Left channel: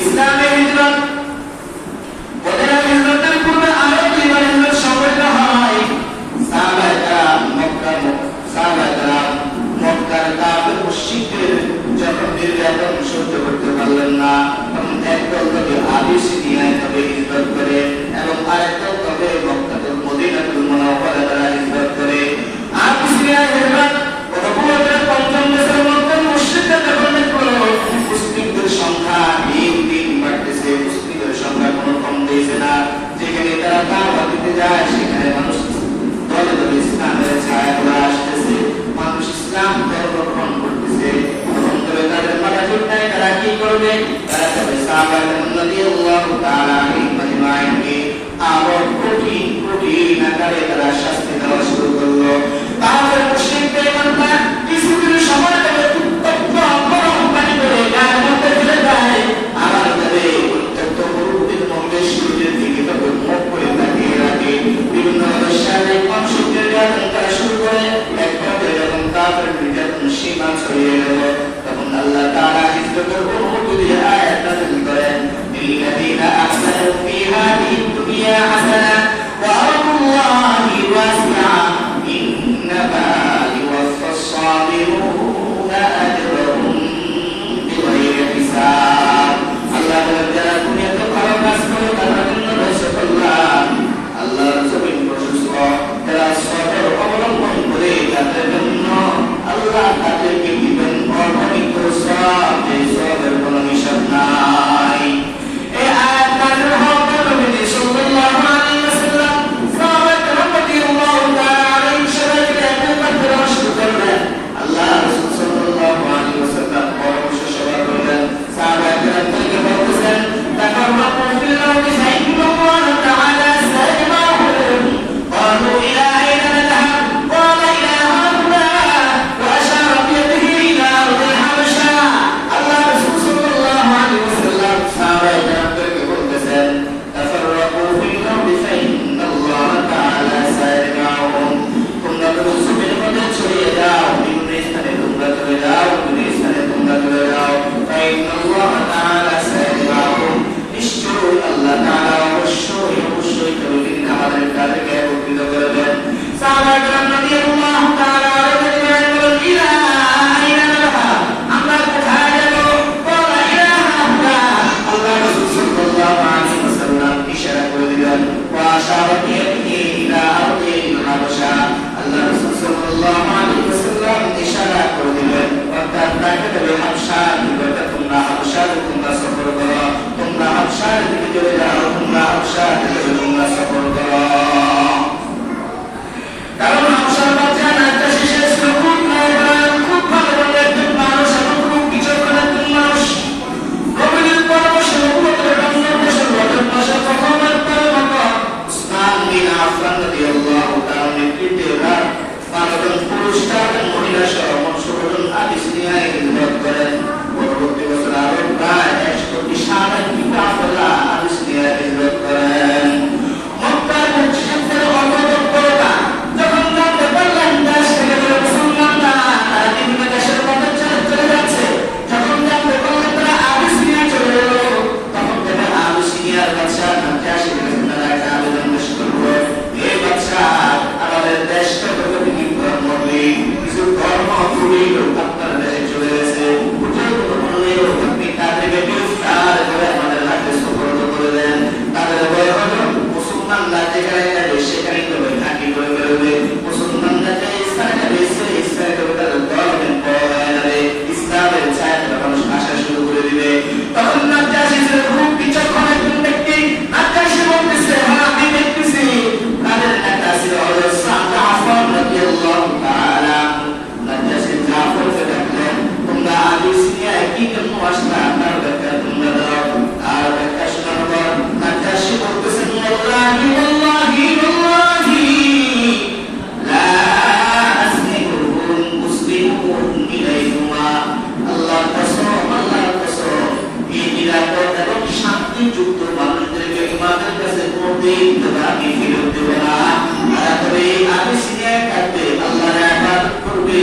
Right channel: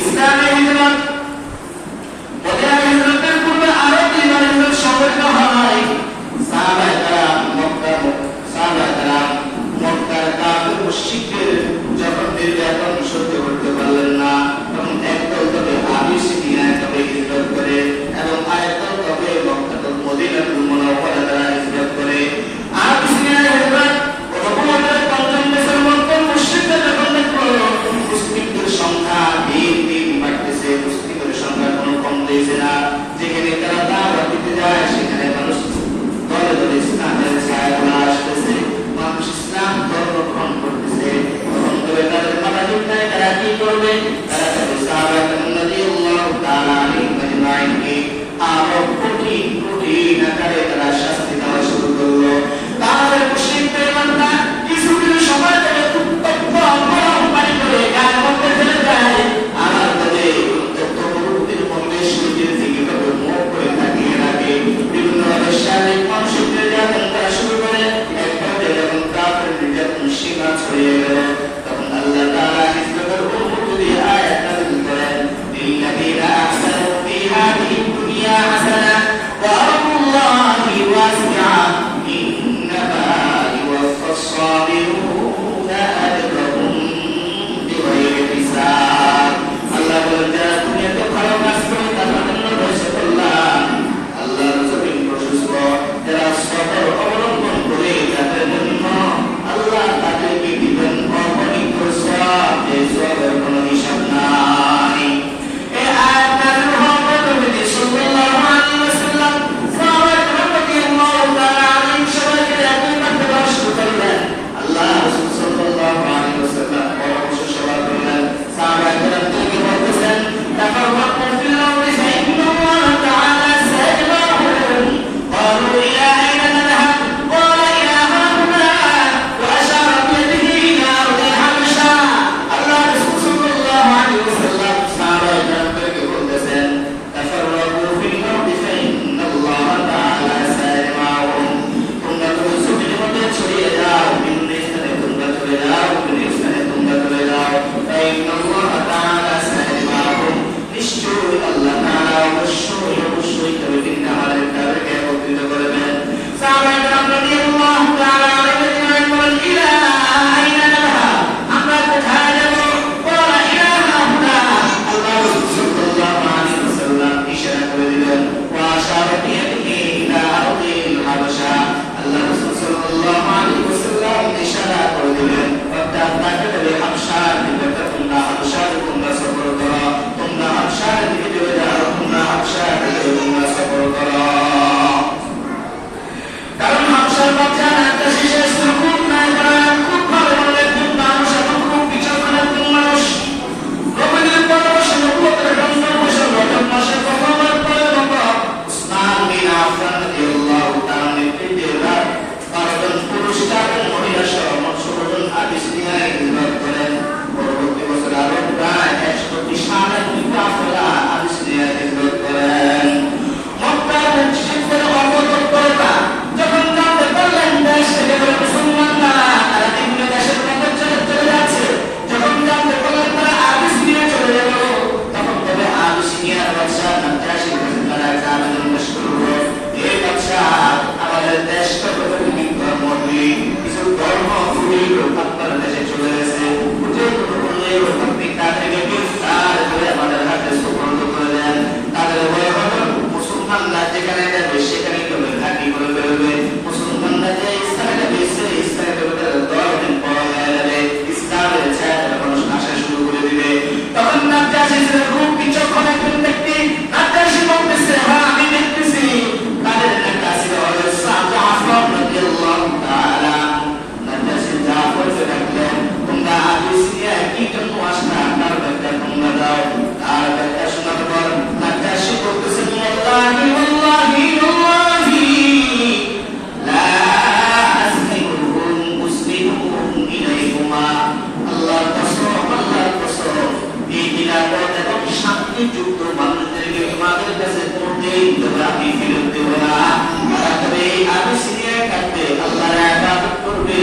ইসলামে হিজরত বলে হিজরতের পূর্বে আরো জীবন হিজরত সংগঠিত হয়। সাহাবায়ে মক্কার কাফির মুশরিকদের যখন নির্যাতন সহ্য করতে পারলেন না, তখন একদল তবে আবিসিনিয়ায় তবে হিজরত করে এবং আরেকদল তবে মক্কাতুল মদিনাতুল মুনাওয়ারায় তারা হিজরত করে। আবিসিনিয়ায় হিজরত প্রথমে ৫০ বছর মক্কার মুশরিকরা যখন দেখলো মুসলিমদের সংখ্যা দিন দিন বাড়তেছে, মুসলিমদের সংখ্যা কোনো কম দিয়েছে না, যেখানে তারা দাওয়াত দিতে যায় সেখানে মানুষ দলে দলে ইসলামের ছায়া পড়ে আসতেছে, মানুষ ইসলাম ধর্ম গ্রহণ করতেছে। তখন তবে তাদের মাথা ঠিক নাই, তারা কি করবে? তারা তবে সাহাবায়ে রাদিয়াল্লাহু তাআলা আনহুমকে আরো কঠিন কঠিন আকারে তারা শাস্তি দেওয়া শুরু করলো। তাহলে মুশরিকদের মাথা কিছুদিন সময় ধরে উত্তপ্ত গরম পানি করে গায়ের মধ্যে ফেলে দেয়, আর তবে উত্তপ্ত গরুদের মধ্যে শরীরের দিকে তবে মুখ করে তাকিয়ে রাখে। বিভিন্ন শারীরিক মানসিক নির্যাতন তারা শুরু করে, একভাবে যখন কাফের নির্যাতন সীমা ছড়িয়ে গেল, তখন আল্লাহ তাআলা হিজরতের উপরে আয়াত নাযিল করেন, লিল্লাযীনা আহসানু ফী হাযিহিদ দুনিয়া হাসানাহ ওয়া আরদুল্লাহি ওয়াসিআ ইন্নামা ইউওয়াফফাস সাবিরুনা আজরাহুম বিগাইরি হিসাব। আল্লাহ যারা দুনিয়াতে ভালো কাজ করে তাদের জন্য রয়েছে কল্যাণ। আল্লাহর জমিন প্রশস্ত, যারা সবর অবলম্বন করে তাদের জন্য আল্লাহ তাদেরকে দিবেন অগণিত সওয়াব, যে সওয়াবের কোনো হিসাব নাই। এই আয়াত নাযিল হওয়ার পরে নবী সাল্লাল্লাহু আলাইহি ওয়াসাল্লাম সাহাবায়ে রাদিয়াল্লাহু তাআলা আলাইহিম সবাইকে একবার দেওয়া শুরু করলেন। আল্লাহ রাসূল সাল্লাল্লাহু আলাইহি ওয়াসাল্লাম পরামর্শ সভা করলেন, সাহাবায়ে রাদিয়াল্লাহু বলতেছেন, তাফাররাকু ফিল আরদি ফাইন্নাল্লাহ তাআলা সাইয়্যিরুহুম ক্বালু ইলা আইনা নাযহাব ক্বালা ইলা হাউনা ওয়া আশারা বিয়াদিহি ইলা আরদি হাবশা। আল্লাহ রাসূল সাল্লাল্লাহু আলাইহি ওয়াসাল্লাম সাহাবায়ে রাদিয়াল্লাহু বলতেছেন, তাফাররাকু ফিল আরদি ফাইন্নাল্লাহ তাআলা সাইয়্যিরুহুম, তোমরা তো জমিনের মধ্যে ছড়িয়ে যাও, বিভিন্ন স্থানে তোমরা চলে যাও, বিভিন্ন স্থানে তোমরা চলে যাও, ফাইন্নাল্লাহ তাআলা সাইয়্যিরুহুম, নিশ্চয়ই আল্লাহ তাআলা অবশ্যই অবশ্যই তবে কিন্তু আমাদের তাদেরকে একত্রিত করবেন। সাহাবায়ে কেরাম রাদিয়াল্লাহু তাআলা আলাইহিম বলেন, ইলা আইনা নাযহাব, আমরা কোথায় যাব? ক্বালা ইলা হাউনা। আল্লাহ রাসূল সাল্লাল্লাহু আলাইহি ওয়াসাল্লাম ইশারা করে দিলেন, ওয়া আশারা বিয়াদিহি ইলা আরদিল হাবশা। আল্লাহ রাসূল সাল্লাল্লাহু আলাইহি ওয়াসাল্লাম ইশারা করে দিলেন, অর্থাৎ তাকে তবে হাবশার দিকে তোমরা হাবশার তোমরা সফর করো, তোমরা হাবশার দিকে চলে যাও, তোমরা হাবশার দিকে তোমরা সফর করো। কারণ হাবশার বাচ্চা নাজ্জাশী শেষ খুব নাই বলা, খুব ভালো বলে মানুষ, এত খুব বিচক্ষণ একজন মানুষ। নবীর পরামর্শে নবুয়তের ৫০ বছর রজব মাসে প্রথম রাতের মতো উসমান বিন আফফান রাদিয়াল্লাহু তাআলা নেতৃত্বে ১২ জন পুরুষ এবং মহিলা সহ মোট ১৬ জন আবিসিনিয়ায় হিজরত করেন। পরবর্তী বছর আরো প্রায় ১০০টি সাহাবায়ে কাফেলা আবিসিনিয়ায় হিজরত করেন। মক্কার মুশরিকদের অপতৎপরতা যখন জানতে পারলেন দেশ থেকে যারা মুসলমানরা তারা বিভিন্ন দেশের মধ্যে চলে যাচ্ছে, যখন জানতে পারলেন তারা আবিসিনিয়ায় চলে গেল, তখন তবে আবিসিনিয়ার বাদশা নাজ্জাশী তারা একটা আবেদন পেশ করল, হে বাদশা, আমাদের দেশ থেকে বিভিন্ন ধর্ম কিছু ধর্ম ফুরিয়ে আপনার দেশে চলে গেছে, উঠে বললেও আপনি তা থেকে বিস্তার করে আমাদের হাতে সুপর্দ করে দেন। তাদের মুসলমানরা যেখানে যাবে সেখানে কেউ থাকি করে ফেলবে, মুসলমানরা যে স্থানে যাবে সেই স্থানে কেউ তাদের ধর্মের পর হয়ে যাবে, ইসলামের ছায়াটা মানুষ আসা শুরু করে দিবে। তখন নাজ্জাশী খুব বিচক্ষণ একজন ব্যক্তি, নাজ্জাশী বলতেছে, হ্যাঁ আমি দেখতেছি তাদের একটা ছিল হযরত জাফর রাদিয়াল্লাহু তাআলা। নাজ্জাশী জাফরকে ডাকলেন, তোমরা আবিসিনিয়ায় কি জন্য আসলা, তার ব্যাখ্যা তোমরা দাও। আর ব্যাখ্যা শোনার পর নাজ্জাশী বলতেছেন, ওয়াল্লাহি ওয়াল্লাহি ওয়াল্লাহি লা আসনিকুহুম মুসলিমুহুম ইলাইকুমা। আল্লাহর কসম, এই নিরাপদ এবং শান্তিযুক্ত মানুষদেরকে তোমাদের কাছে কোনদিন তোমরা আমি ফেরত দেব না। তারা তবে আবিসিনিয়ায় থাকবে, আল্লাহর ইবাদত করবে,